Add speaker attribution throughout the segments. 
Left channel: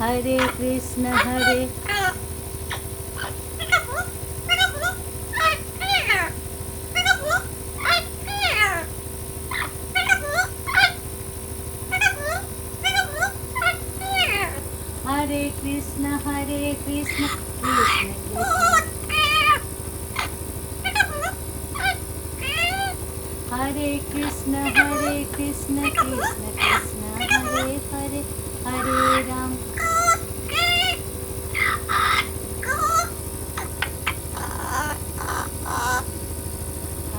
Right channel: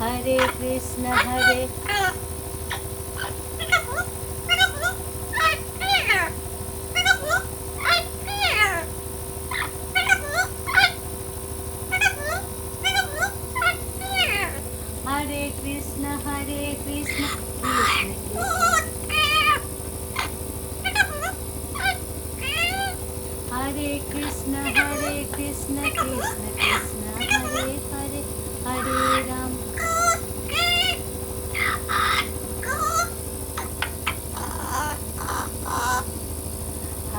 Speaker 1: हरे कृष्ण हरे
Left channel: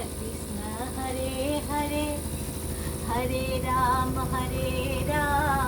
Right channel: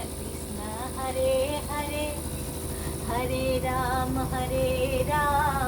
Speaker 1: कृष्ण कृष्ण हरे हरे हरे राम हरे राम राम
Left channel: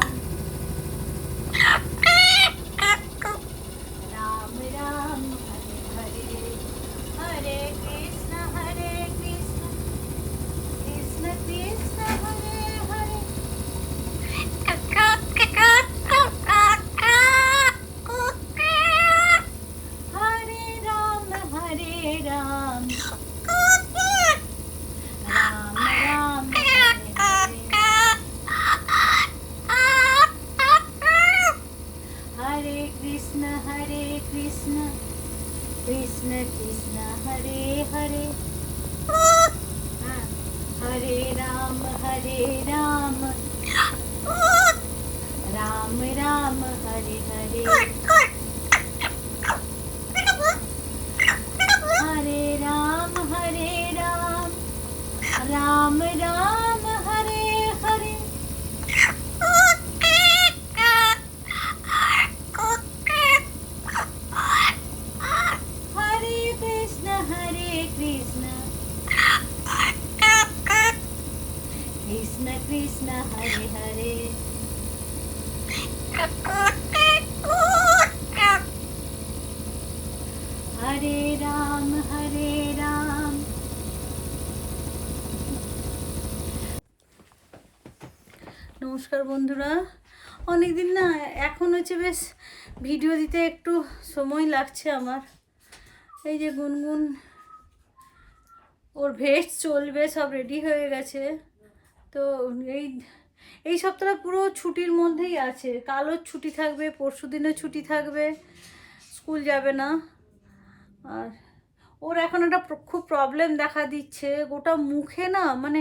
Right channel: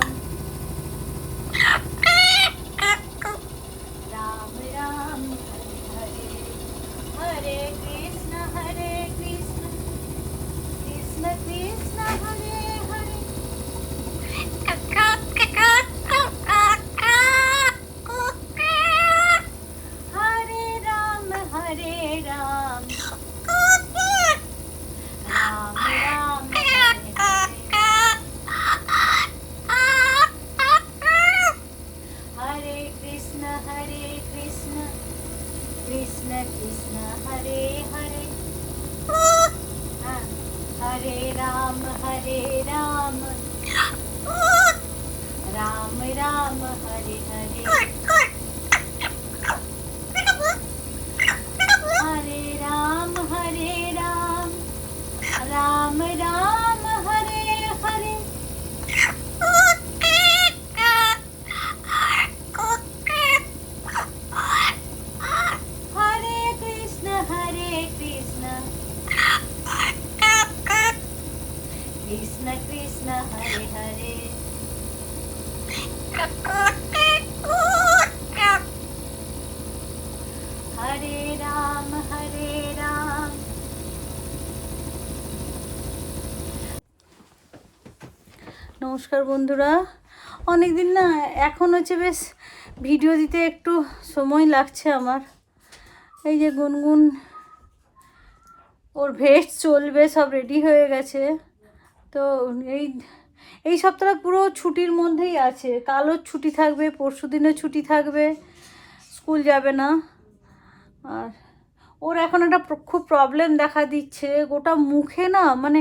Speaker 1: বন্ধুরা। অনেক দিন না, এখন হচ্ছে বেশ ভিডিও দিতে একটু সময় লাগছে আমার। এই যে গুনগুন, ওর ভেস্ট চলবে, সব রেডি হয়ে গেছে। তো এই এই সপ্তাহটা পুরো ছুটির মধ্যেই আছে। কালও ছুটি থাকবে, পরশু দিনও ছুটি থাকবে, স্কুল যাবে না। আর ওর এখন একটা খুব প্রবলেম দেখা দিচ্ছে। গোটা মুখে না মানে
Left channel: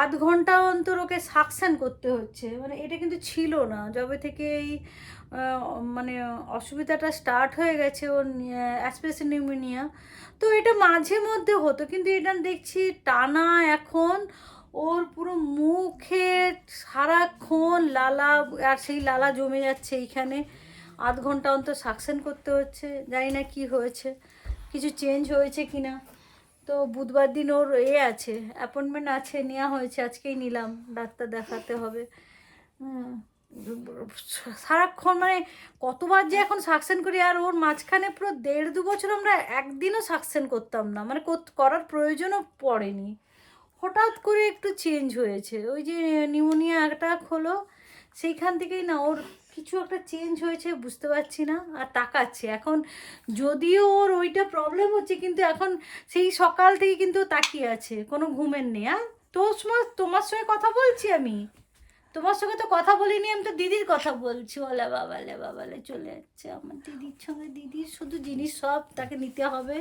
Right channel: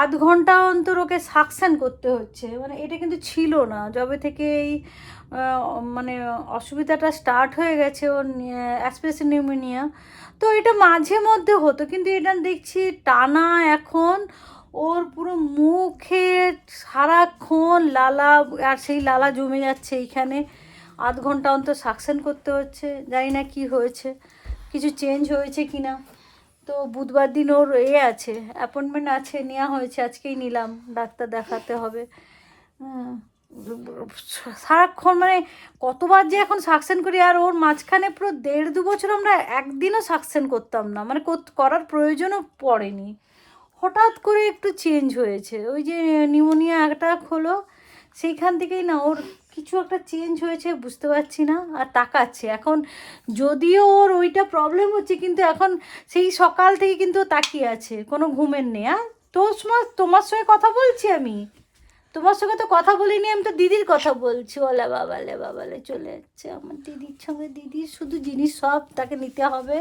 Speaker 1: আধ ঘণ্টা অন্তর ওকে সাকশন করতে হচ্ছে। মানে এটা কিন্তু ছিল না। যবে থেকে এই মানে অসুবিধাটা স্টার্ট হয়ে গেছে ওর অ্যাসপেসি নিউমোনিয়া তো এটা মাঝে মধ্যে হতো, কিন্তু এটা দেখছি টানা এখন ওর পুরো মুখে সারাক্ষণ লালা, আর সেই লালা জমে যাচ্ছে এইখানে। আধ ঘণ্টা অন্তর সাকশন করতে হচ্ছে। জানি না কি হয়েছে। কিছু চেঞ্জ হয়েছে কি না তো বুধবার দিন ওর এ আছে অ্যাপয়েন্টমেন্ট আছে নেওয়া হয়েছে আজকেই নিলাম ডাক্তার দেখাতে হবে। হ্যাঁ, সারাক্ষণ মানে কতবার যে এখন সাকসেন করি আর ওর মাঝখানে পুরো দেড় দু বছর আমরা একদিনও সাকসেন করতাম না মানে কর- করার প্রয়োজনও পড়েনি। হঠাৎ করে একটু চেঞ্জ হয়েছে ওই যে নিউমোনিয়া অ্যাটাক হলো সেইখান থেকেই না ওর কিছু একটা চেঞ্জ হয়েছে, বুঝতে পারছি না, আর তাকাচ্ছে। এখন যদিও ওর ওইটা প্রবলেম হচ্ছে, কিন্তু এখন সেই সকাল থেকে কিন্তু তাকিয়ে আছে, কোনো ঘুমের নেই, আর? সময় তোমার সঙ্গে কথা বলছি আমি? তোমার সঙ্গে তো কথা বলিনি, আমি তো দিদির কথা বলছি। ওলা বাবালে বাবালে চলে যাচ্ছে আমার দিদির সঙ্গে। দিদির শুধু জিনিস সব তাকে নিতে হবে।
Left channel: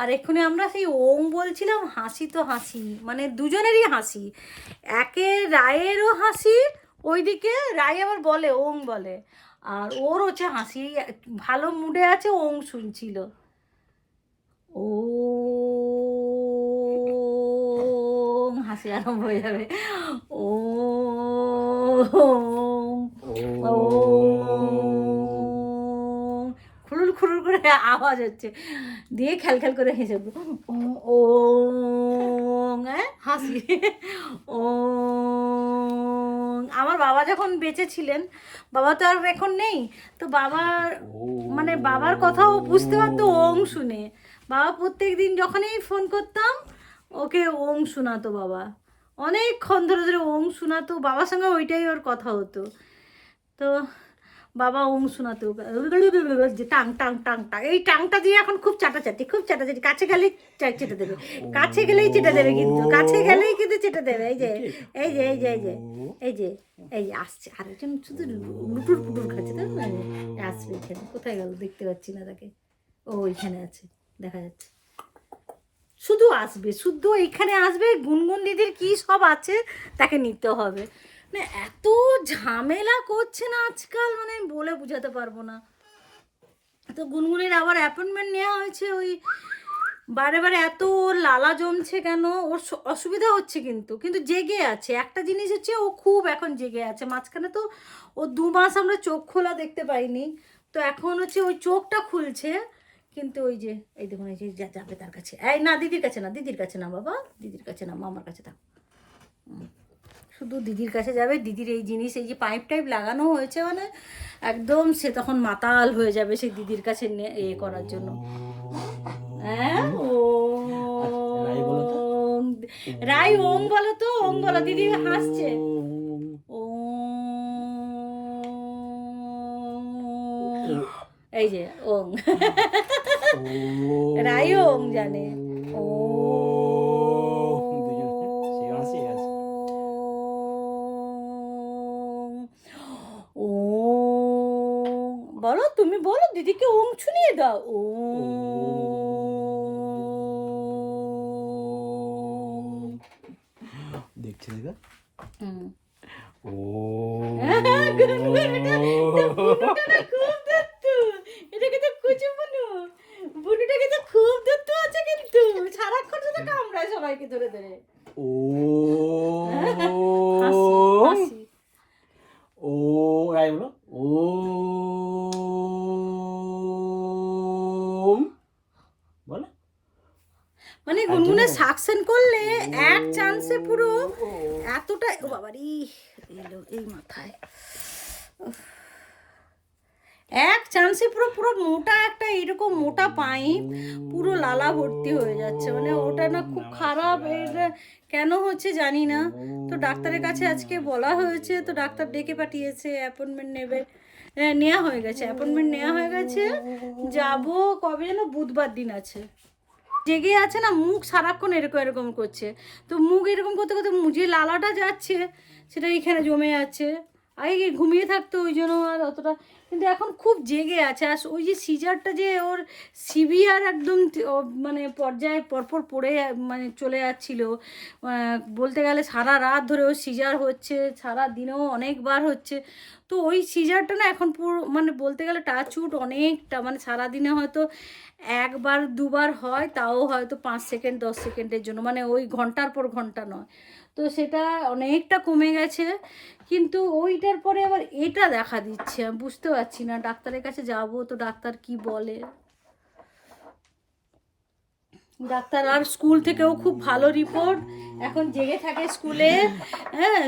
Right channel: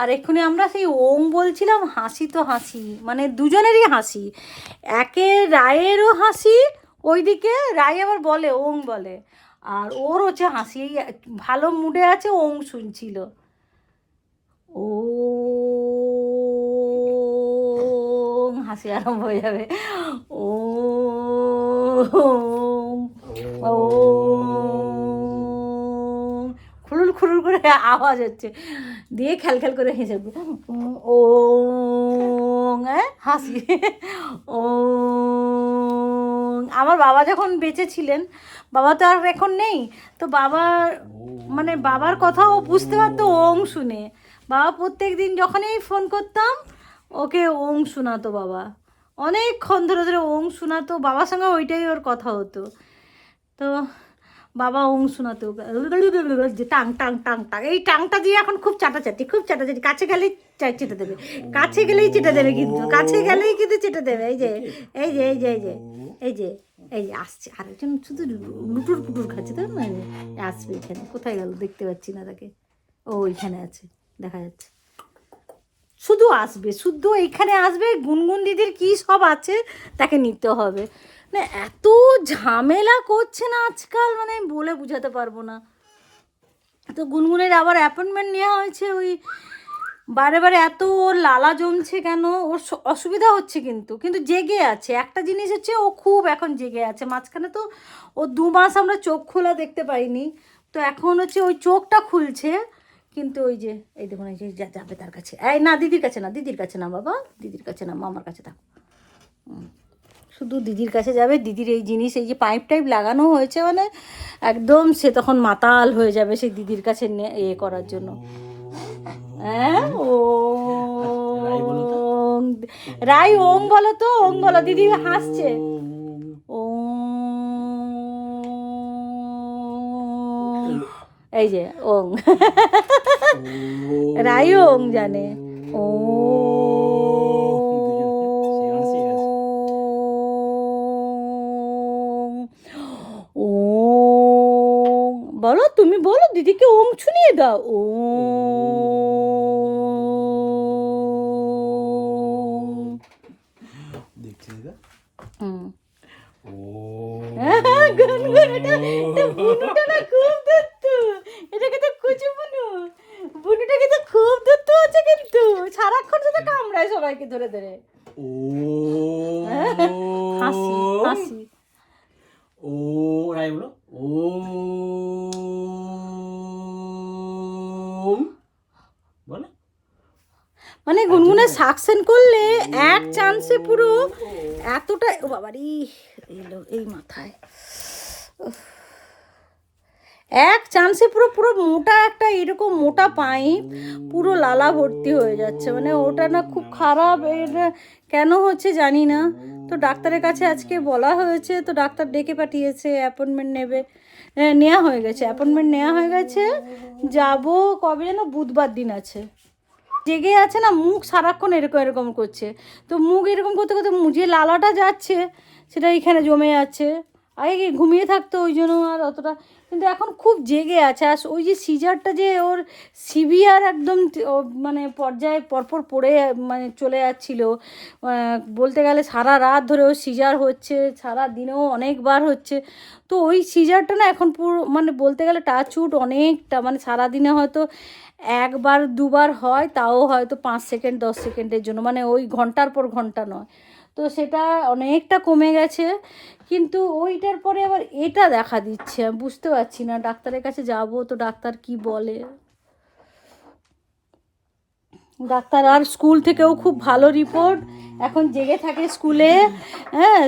Speaker 1: আর এক্ষুনি আমরা সেই ওম বলছিলাম, হাসি তো হাসি মানে দুজনেরই হাসি। একে রায়েরও হাসি, ওইদিকে রায় আবার বলে ওং বলে। আর ওর হচ্ছে হাসি, ভালো মুডে আছে ওং শুনছিল। ও হাসি আরম্ভ হয়ে যাবে। ও ও খুলুল করে আওয়াজ হচ্ছে। দিয়ে খেল খেল করে হেসে। ও হাসি। ও, আমার বাবা যখন বেঁচে ছিলেন, বাবা তো আর এখন নেই, তো বাবার মানে বাবার কথাও বুঝতে পারতো ওং শুনে। বাবা প্রত্যেক দিন যখনই ফোন করতাম, ওকে ওং শোনাতো বাবা। অনেকক্ষণ ধরে ধরে ওং শোনাতো, বাবার সঙ্গে ওইটাই ওর কথা হতো। তো বাবা ওং শোনাতো, যে টাং টাং টাং টাং। এই টাংটা দিয়ে এখন খুব চাটাচাটি খুব চাটাচাটি। কাছে গেলেই চেটে দেবে। কাছে গেলেই চেটে দেবে কিন্তু, কাছে গেলেই কিন্তু চেটে দেবে। এই যে এই যে এই যে এই যে এই যে, এই আসছে। আরেকজন শুধু লুটুর পুটুর খাচ্ছে তাই না আসবে এখানে। কোথায় গেল? দেখতে পাচ্ছি না তাকে। ও ওইখানে আছে, দেখা যাচ্ছে। শুধু আসবে, শুধু এখানে আসবে, গুনগুন দিদির কি সব আছে, তাকে নিতে হবে। না, এত ঝামেলা করছে না আজকাল মানে আমি বলে বোঝাতে পারব না। তো গুনগুনের আবার অ্যাপয়েন্টমেন্ট নেওয়া হয়েছে ওই, বারে বারে এত ওর লালা জমছে কেন? ওর অসুবিধা হচ্ছে কিন্তু কিন্তু জেগে আছে। একটা জিনিস হচ্ছে ও খুব এখন জেগে আছে, মাঝখানে তো ও দু মাস আমরা চোখ খোলা দেখতে পাইনি। তো এখন হচ্ছে ওই চোখটা খুলছে, কিন্তু ওই যে, এই দেখুন, এই যে যাবে তার কাছে। এই না, দিদির কাছে না, দিদির কাছে না, বাবা, দিদির কাছে না, মামার কাছে থাক। শুধু দিদির কাছে যাবে। দিদির এই জিনিস এই যে পাইপ টাইপ লাগানো হয়েছে মানে একদম সে তখন মাতাল হয়ে যাবে সেই দিদির কাছে এ করার জন্য। হ্যাঁ? ও
Speaker 2: রাই
Speaker 1: ওম বলো তো ওম বলো দিদি হাসছে। ও এই যে ওং রাই ওং জানে। ও এটাকে তো কুচু বুনু বুনুটাকে তো খুব দত্তু আছে কিন্তু সারাক্ষণ শুধু কামড়ায় সবাইকে ধরে ধরে
Speaker 2: ও ও রাই বলো ও বলো
Speaker 1: মানে গুনগুনে সাকসেন করলে এক চান্সে পুরো এতটা ও বাবারি এই মাথায়। এক চান্সে পুরো পুরো মোটা একটা এরকম মোটা পাইপ পুরো লালা ভর্তি হয়ে যাচ্ছে। মানে ওটা না খুব খারাপ কেন হচ্ছে জানি না। তো ডাক্তারের কাছে আজকে বলা হয়েছে, তো ডাক্তার ডেকে পাঠিয়েছে অ্যাপয়েন্টমেন্ট নেবে। নেওয়া হয়ে গেছে অ্যাপয়েন্টমেন্ট নেওয়া হয়ে গেছে। যাব কবে যেন? বুধবার দিন আছে। জেগে আছে না, মুখ সারাক্ষণ এরকম এরকম করছে। তো মুখ এরকম করতে করতে মুখে লালাটা যাচ্ছে, সেটা এখানে জমে যাচ্ছে আগে ঘুমিয়ে থাকতো ওই জন্য আর অতটা কিন্তু এখন খুব জেগে আছে। আর ওই যে সিজারটা যে ওর সিভিয়ার একদম মানে পর্যায়ে পরপর পড়ে মানে চলে যাচ্ছিল। বলতে গেলে সারা রাত ধরে ওর সিজার হচ্ছে, সারা দিনেও অনেকবার হচ্ছে। তো ওই সিজারটা না এখন পুরো মানে বলতে গেলে টাচউড অনেকটা মানে সারা দিনে হয়তো একবার, দুবার হয়, তাও হয়তো পাঁচ সেকেন্ড, দশ সেকেন্ডের জন্য। মানে ওই ঘণ্টার পর ঘণ্টা নয়। তো সেটা অনেকটা কমে গেছে। কিন্তু ওইটার পরে আবার এটা দেখা দিচ্ছে, আমি বুঝতে পারছি না। ডাক্তারের কাছে যাব তো ডাক্তার কি বলে? ডাক্তার, আর স্কুল থেকেও খুব ভালো রিপোর্ট। এখন জেগে থাকে স্কুলে। হ্যাঁ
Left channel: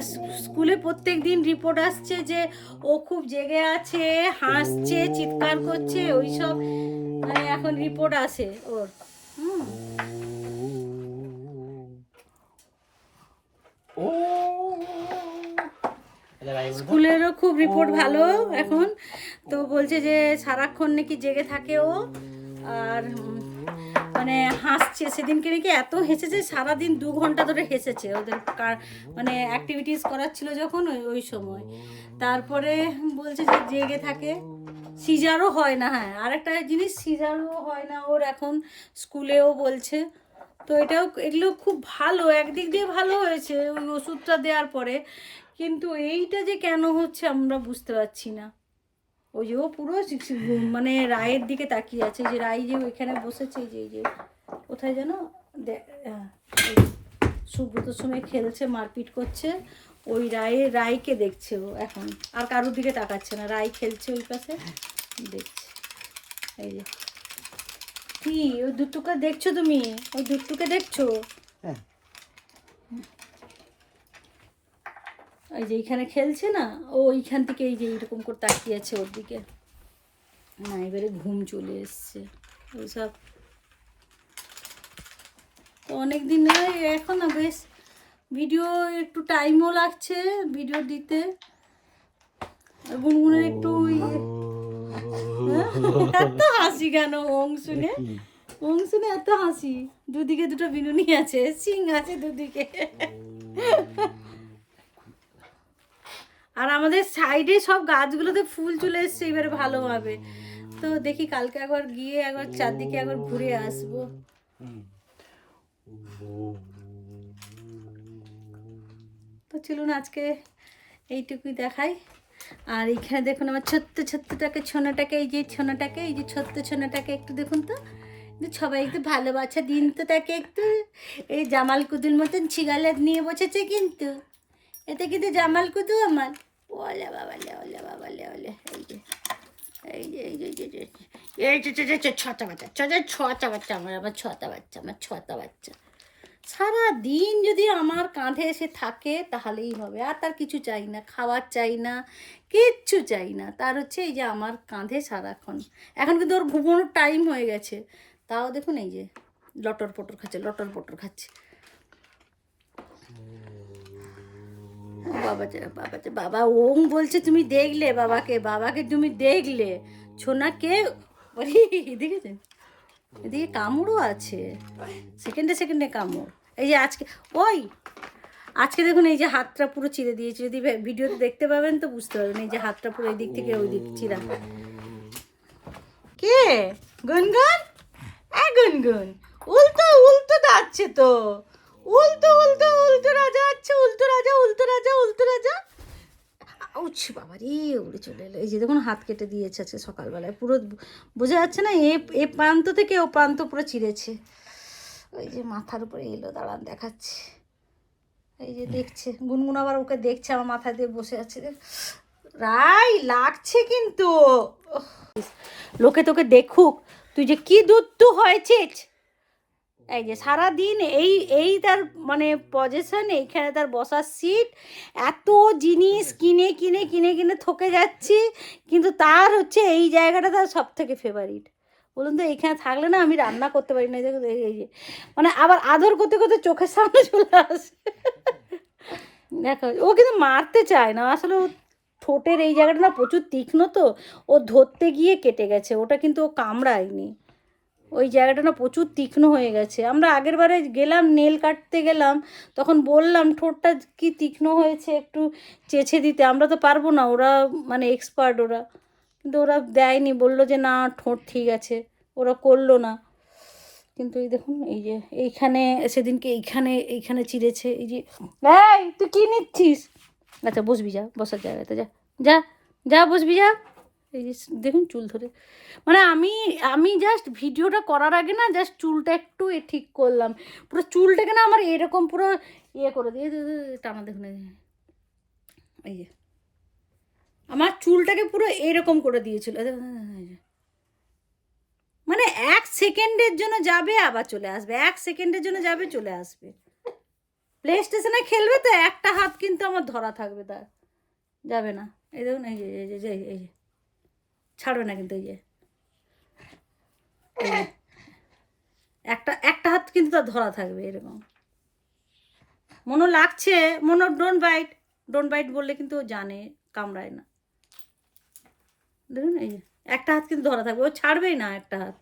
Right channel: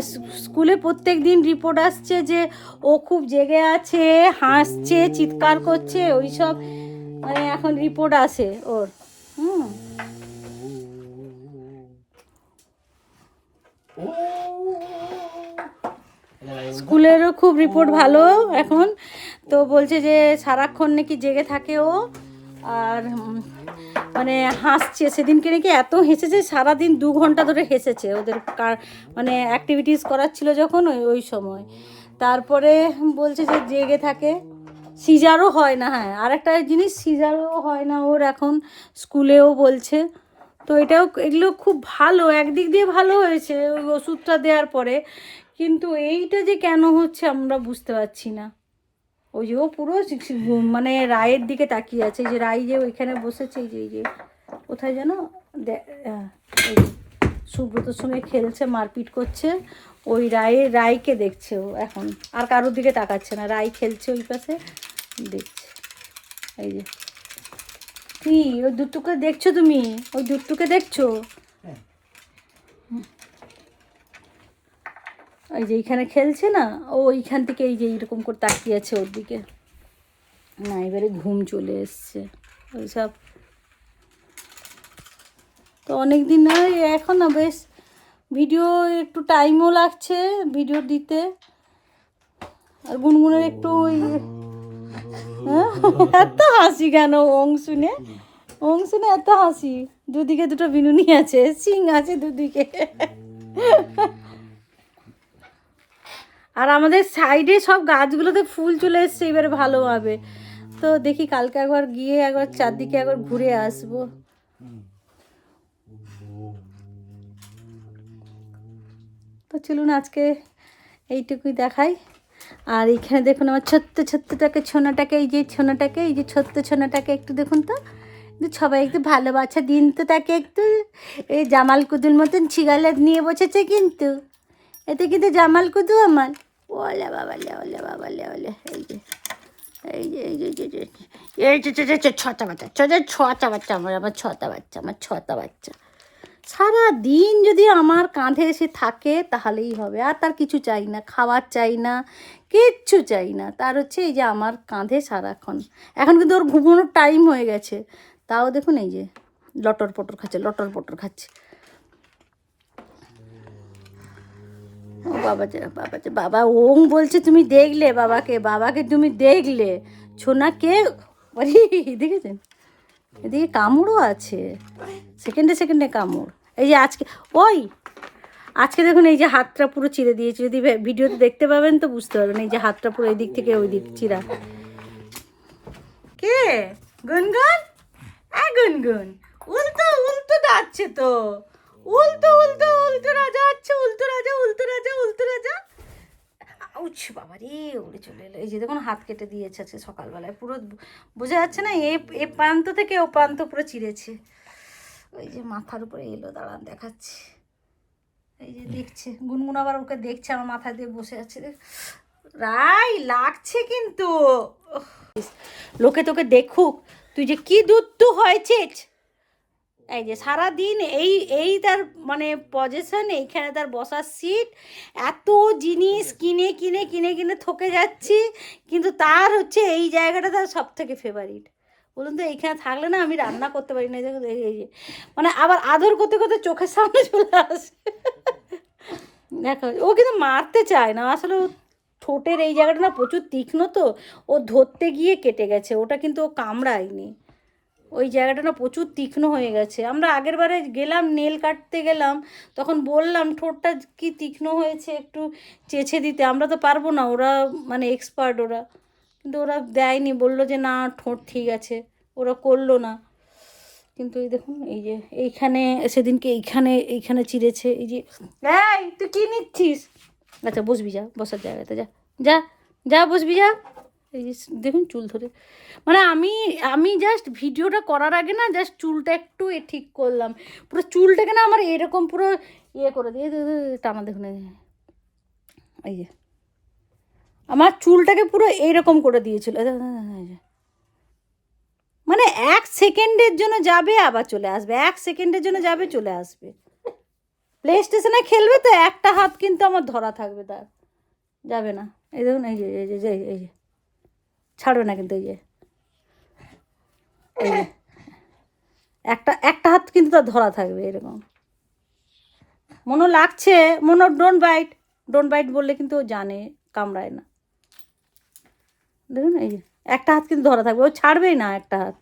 Speaker 1: স্কুলে প্রত্যেক দিন রিপোর্ট আসছে যে ও খুব জেগে আছে, হাসছে, চিৎকার করছে ওই সব মানে এখন রিপোর্ট আসে ওর। হুম
Speaker 2: ও এবার রাই বলো তো।
Speaker 1: স্কুলেরও খুব রিপোর্ট ভালো এখন। তো বলছে যে সারাক্ষণ নাকি জেগে থাকে ও। আর মানে হাসছে। সেদিনকে নাকি এত হেসেছে সারাদিন দু ঘণ্টা ধরে হেসেছে। ওদের কার- মানে অ্যাক্টিভিটিস করাচ্ছিল যখন ওই ওই সময়। তারপরে বলছে যে জেগে থাকে। সিজারও হয় না হ্যাঁ। আরেকটা জিনিস সিজারও হয় না ওর এখন। স্কুলেও বলছে। তো এটাও এগুলো খুব ভালো একদিক দিয়ে ভালো হয়েছে। ওই ওষুধটা দেওয়ার পরে। কিন্তু এইটা যে কেন হচ্ছে আমরা বুঝতে পারছি না। ওই যে ও পুরো মানে রায়ের দিকে তাকিয়ে আছে, যে রায় যে ওইখানে বসেছে যে যে, কোথায় যেন সুব্রতর সঙ্গে খেলছে, মারপিট করছে, ওই রায়ের রায়কে দেখছে ও এখন, আর কারোর দিকে তাকাচ্ছে না, রায় খেলছে ওই পাশে, দেখছে, এই যে। কি, ওই দুটুকে দেখছ তুমি? ওই দুটুকে দেখছ? এই যে এইখানে খেলছে না, ও ওইখান থেকে এই যে এইরকম করে তাকিয়ে আছে ওর দিকে। না এবারে ঘুম চলে এসছে। ওইসব তো অনেক দিন নয় এখন না বেশ, ভিডিও একটু টাইমও লাগছে ভিডিও দিতে। আর গুনগুনের একটু ওই হ্যাঁ? এত হাসি কেন অং শুনে? অং শুনে এত হাসি। দুদিকে দুটো বিনুনি আছে, সিং আছে দুদিকে। আর আমাদের সাইডে সব গাছগুলোতে ফুল চলে এসছে, এবারে ভালোভাবে তো দেখি কালকে একবার গিয়ে একবার চারদিকে একবার ঘুরে আসব। তো চলুন আজকে এইটুকুই দেখাই। আর এইখানে দেখুন আমার ছোট্ট ছোট্টটাকে, ছোনাটাকে, এই যে ছোনাটাকে, এই যে ছোট্ট ছোনাটাকে একটু দেখুন তো। সবাই একটু ভালোবাসা দিন তো তাকে একটু। এই জামাল কুদুর মতন ছিগালে নিয়ে বসেছে কিন্তু। এতে কিন্তু জামাল কুদু আমার। ওলে বাবা লে ওলে বাবা লে এই যে এই যে এই যে এই যে, এই ছটা বাচ্চা ছটা বাচ্চা আমার আমার ছটা বাচ্চা আমার ছটা বাচ্চা। সারা দিন যদি আমার কাঁধে এসে থাকে তাহলেই হবে। আর তার কিছু চাই না খাওয়ার চাই না কিচ্ছু চাই না। তার হচ্ছে এই যে আমার কাঁধে সারাক্ষণ। এখন কিন্তু ওর ঘুমানোর টাইম হয়ে গেছে। তাও দেখুন এই যে লটর পটর খাচ্ছে লটর পটর খাচ্ছে। ও বাবা বাবা বাবা ওং বলছে তুমি দেখলে বাবাকে বাবাকে তুমি দেখলে। ছোনা কে আরে দেখেছেন এদিকে কামড়ও আছে। সেকেন্ডে সেকেন্ডে কামড়। এই যে আজকে, ওই, আজকে দেখুন এই যে হাতটা পুরো চিরে দিয়েছে। যদি ভিডিওতে দেখতে পাবেন তো বুঝতে পারবেন এই যে হাতটা পুরো এদিক থেকে ওই দিক চিরা। কে? গুনগুন? এ গুনগুন। উল্টো উল্টো যাচ্ছে তো। উল্টো উল্টো উল্টো রাজা আছে, উল্টো রাজা উল্টো রাজা উল্টো রাজা। আউচ বাবা রে, উড়ে চলে এলো। এই যে দেখুন, হাত কেটে দিয়েছে আছে সকালবেলায়। পুরো বোঝা যাচ্ছে না, এ এ প্রান্ত থেকে ও প্রান্ত পুরো চিরেছে। ওই যে মাথার উপরে এলো, দাঁড়ান দেখাচ্ছে। এই যে দেখছে, গুনগুন আবার ওকে দেখছে, আমার মাথা দিয়ে বসে আছে। রাই, লাগছে কিন্তু। লোকে তোকে দেখুক, তুই যে কি দুধ তু হয়েছিস? এই যে সারাদিন এই এই তার মানে পজিশন এইখানে তার বসার সিট এত জিনিস কিনে কিনে কিনে কিনে থকে যাচ্ছি। কিন্তু তার হচ্ছে এই জায়গাটা তার সব থেকে ফেভারিট বলুন তো এইখানে থাকলে না আমি রান্না করতে পারি না এই যে। মানে আবার আদর করতে করতে চোখের সামনে চলে আসে। দেখো ও কিন্তু মারতে চায় না। আসলে ও ঠোঁটের এই জায়গাটা না প্রচুর তীক্ষ্ণ তো। ও ধরতে গিয়ে কেটে গেছে। ওটা কিন্তু ও কামড়ায়নি। ওই জায়গাটা না প্রচুর তীক্ষ্ণ হয়ে গেছে। আমরা আগের বারে গেলাম, নেল কাটতে গেলাম, তখন বললাম ঠোঁটটা কি তীক্ষ্ণ হয়েছে একটু চেছে দিতে। আমরা তো পারব না, ওরা মানে এক্সপার্ট ওরা। কিন্তু ওরা দেয়নি, বলল যে না, ঠোঁট ঠিক আছে। ওরা করল না। কিন্তু এই দেখুন, এই যে এইখানে, সেদিনকে এইখানে এইখানে চিড়েছে এই যে তুই কী নিচ্ছিস? আচ্ছা বসবি যা, বসার জায়গাতে, যা যা যা, বসবি, যা। এই যে দেখুন চুল ধরে। মানে আমি আমি জাস্ট ভিডিওটা করার আগে না জাস্ট চুলটা একটু এ ঠিক করলাম। পুরো চুলটাকে না আমার এরকম পুরো ইয়ে করে দিয়ে টানা দেখুন এই যে। আমার চুলটাকে পুরো এরকম করে দিয়েছিল। মানে এক সেকেন্ডের জন্য যাবে, আবার চলে আসবে। এক সেকেন্ডের জন্য যাবে, চলে আসবে। প্লে স্টেশনে খেলবে তো একটা হাত কিন্তু আমার ধরা থাকবে তার যাবে না। এই দেখুন এই যে এই যে এই যে। ছাড়বে না কিন্তু এই যে। একটা একটা হাত কিন্তু তার ধরা থাকবে এরকম। মনে লাগছে, মনে ডোন বাইট ডোন বাইট বললে কিন্তু ও জানে, কামড়ায় না। দেখুন এই একটা হাত কিন্তু ধরা থাকবে, ও ছাড়বেই না একটা হাত।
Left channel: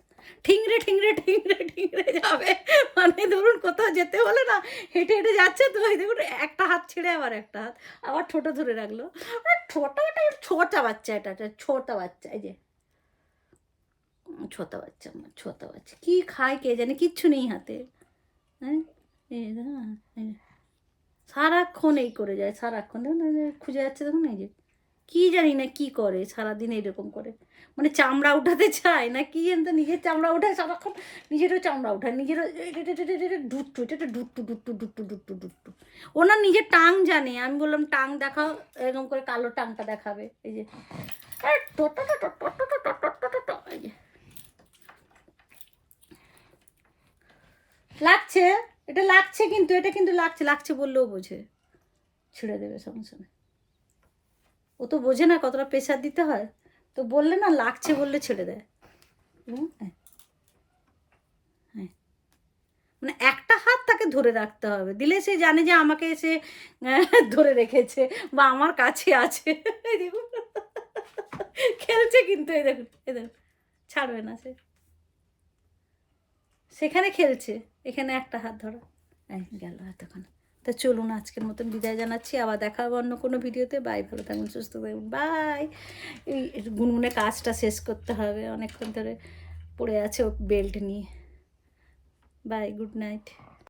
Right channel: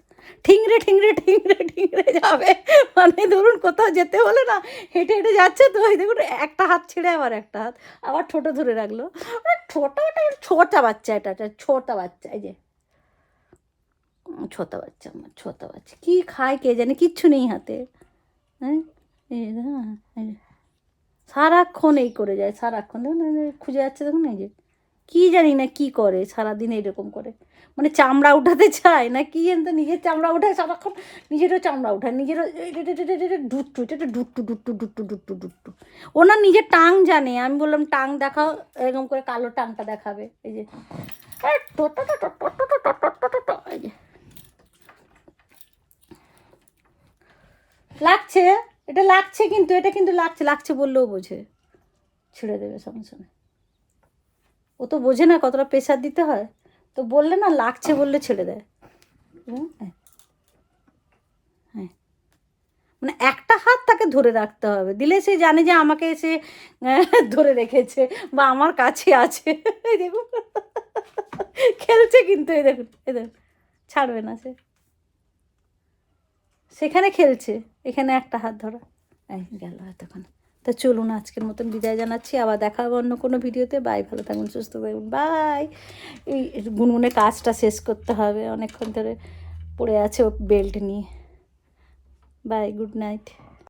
Speaker 1: ঠিংরে ঠিংরে ঠিংরে ঠিংরে যাবে। মানে ধরুন কোথাও যেতে হলে না হেঁটে হেঁটে যাচ্ছে তো। এই দেখুন একটা হাত ছেড়ে আবার একটা হাত। আবার ছোটো ধরে রাখল। ছোটো একটা ছোটা বাচ্চা এটা এটা ছোটা বাচ্চা এই যে। ছোটা বাচ্চা আমার ছোটা বাচ্চা। কী খায় কে জানে কিচ্ছু নেই হাতে। হ্যাঁ? এই যে দেখুন, এই যে। সারাক্ষণ এই করে যায় সারাক্ষণ। দেখুন খুঁজে যাচ্ছে দেখুন এই যে। কী জানি না কী করে সারাদিন এইরকম করে। মানে চামড়া উঠাতে চায় না কি এনতে নিজের চামড়া উঠায় সারাক্ষণ? নিজেরও চামড়া উঠায়, নিজেরও ডুট্টু এটা ডুট্টু ডুট্টু ডুট্টু ডুট্টু ডুট্টু ওনার নিজের টাং জানে, আমি বললাম টাং দেখাও, এরকম করে কালো টাংটা দেখাবে, এই যে। লাগছে, এটা লাগছে কিন্তু, এটা কিন্তু লাগছে লাগছে বললেও বোঝে। ছেড়ে দেবে সঙ্গে সঙ্গে। ও তো বোঝে না কতটা প্রেশার দিতে হয়। তো বললে না লাগছে বললে ছেড়ে দেয়। হ্যাঁ। হ্যাঁ। মানে একটা হাত তাকে ধরে রাখতে হবে। দিলে সে জানে যে আমাকে সে আহ, ধরে রেখেছে বা আমার কাছে আছে। এই দেখুন। খেলছে কিন্তু এই দেখুন এই দেখুন। ছাড়বে না সে। সেখানে খেলছে। এখানে একটা হাত ধরো। গেল এতক্ষণ। তো চলুন, আজকের মতন বিদায় জানাচ্ছি। আবার দেখা হবে অন্য কোনো ভিডিওতে। বাই, ভালো থাকুন, সুস্থ থাকুন। বাই। এই গুনগুনে কাজটা শেষ করতে হবে। অনেকক্ষণ ধরে পড়ে আছে বেল্ট নিয়ে। Bye good night